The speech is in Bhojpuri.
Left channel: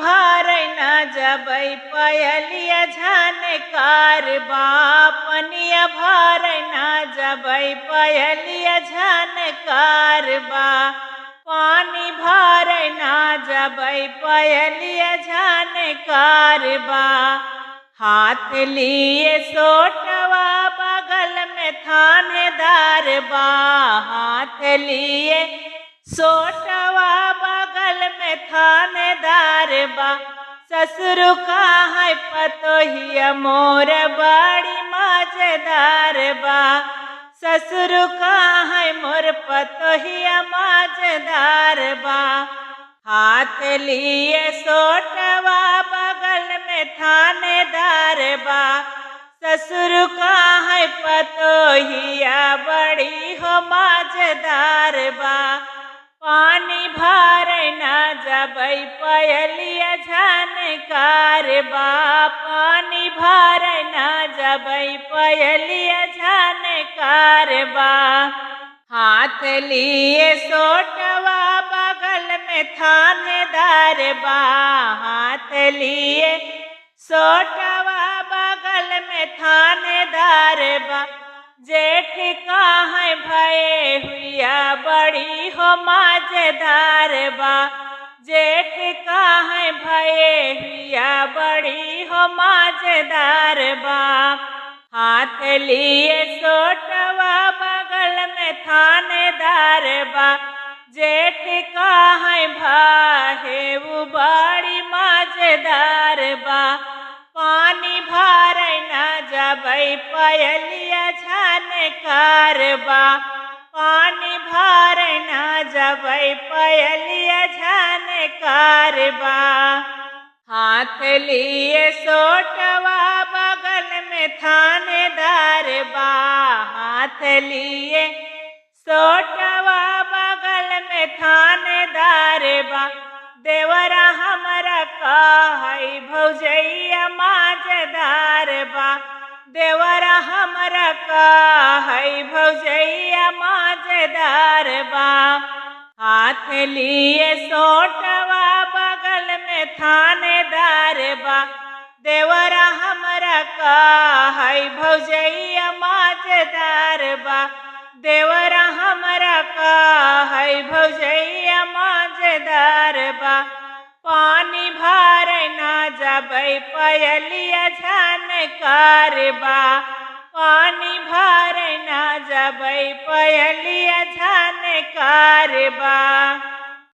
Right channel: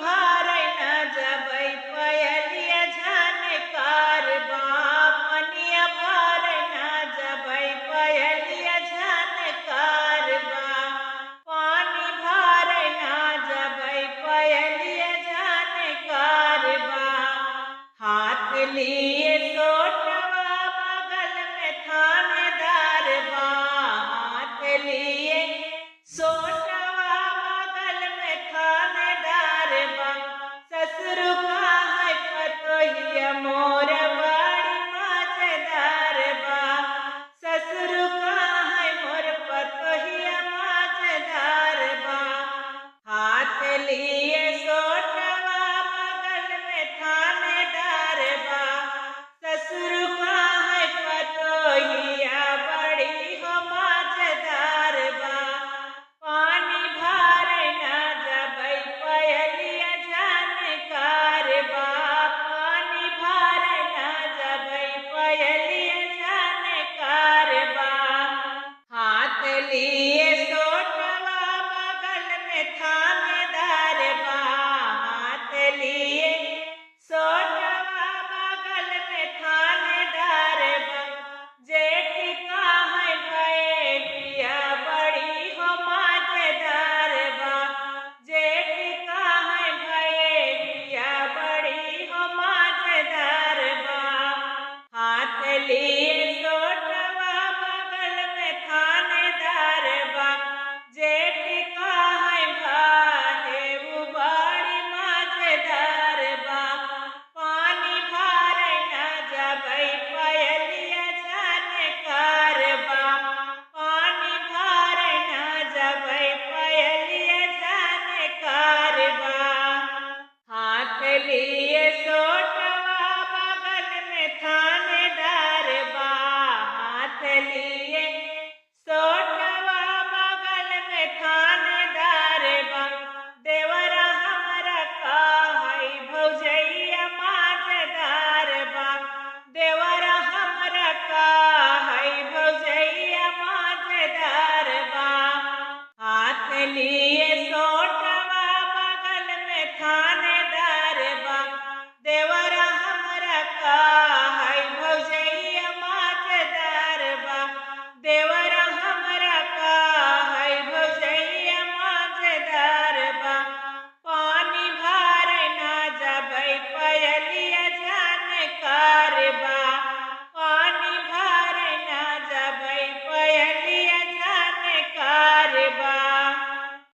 भार न जबै पयलिया झनकार बा पनिया भार न जबै पयलिया झनकार बा पानी भार न जबै पयलिया झनकार बा हाथ लिए सोटवा बगल में थानेदार बा हाथ लिए सोटवा बगल में थानेदार बा ससुर का है पतोहिया मोर बड़ी मजेदार बा ससुर का है मोर पतोहिया मजेदार बा हाथ लिए सोटवा बगल में थानेदार बा ससुर का है पतोहिया बड़ी हो मजेदार बा पानी भार न जबै पयलिया झनकार बा पानी भार न जबै पयलिया झनकार बा हाथ लिए सोटवा बगल में थानेदार बा हाथ लिए सोटवा बगल में थानेदार बा जेठ का है भये हुआ बड़ी हो मजेदार बा जेठ का है भये हुआ बड़ी हो मजेदार बा हाथ लिए सोटवा बगल में थानेदार बा जेठ का है भाहे वो बड़ी मजेदार बा पानी भार न जबै पयलिया झनकार बा पानी भार न जबै पयलिया झनकार बा हाथ लिए सोटवा बगल में थानेदार बा हाथ लिए सोटवा बगल में थानेदार बा देवरा हमरा का है भौजैया मजेदार बा देवरा हमरा का है भौजैया मजेदार बा हाथ लिए सोटवा बगल में थानेदार बा देवरा हमरा का है भौजैया मजेदार बा देवरा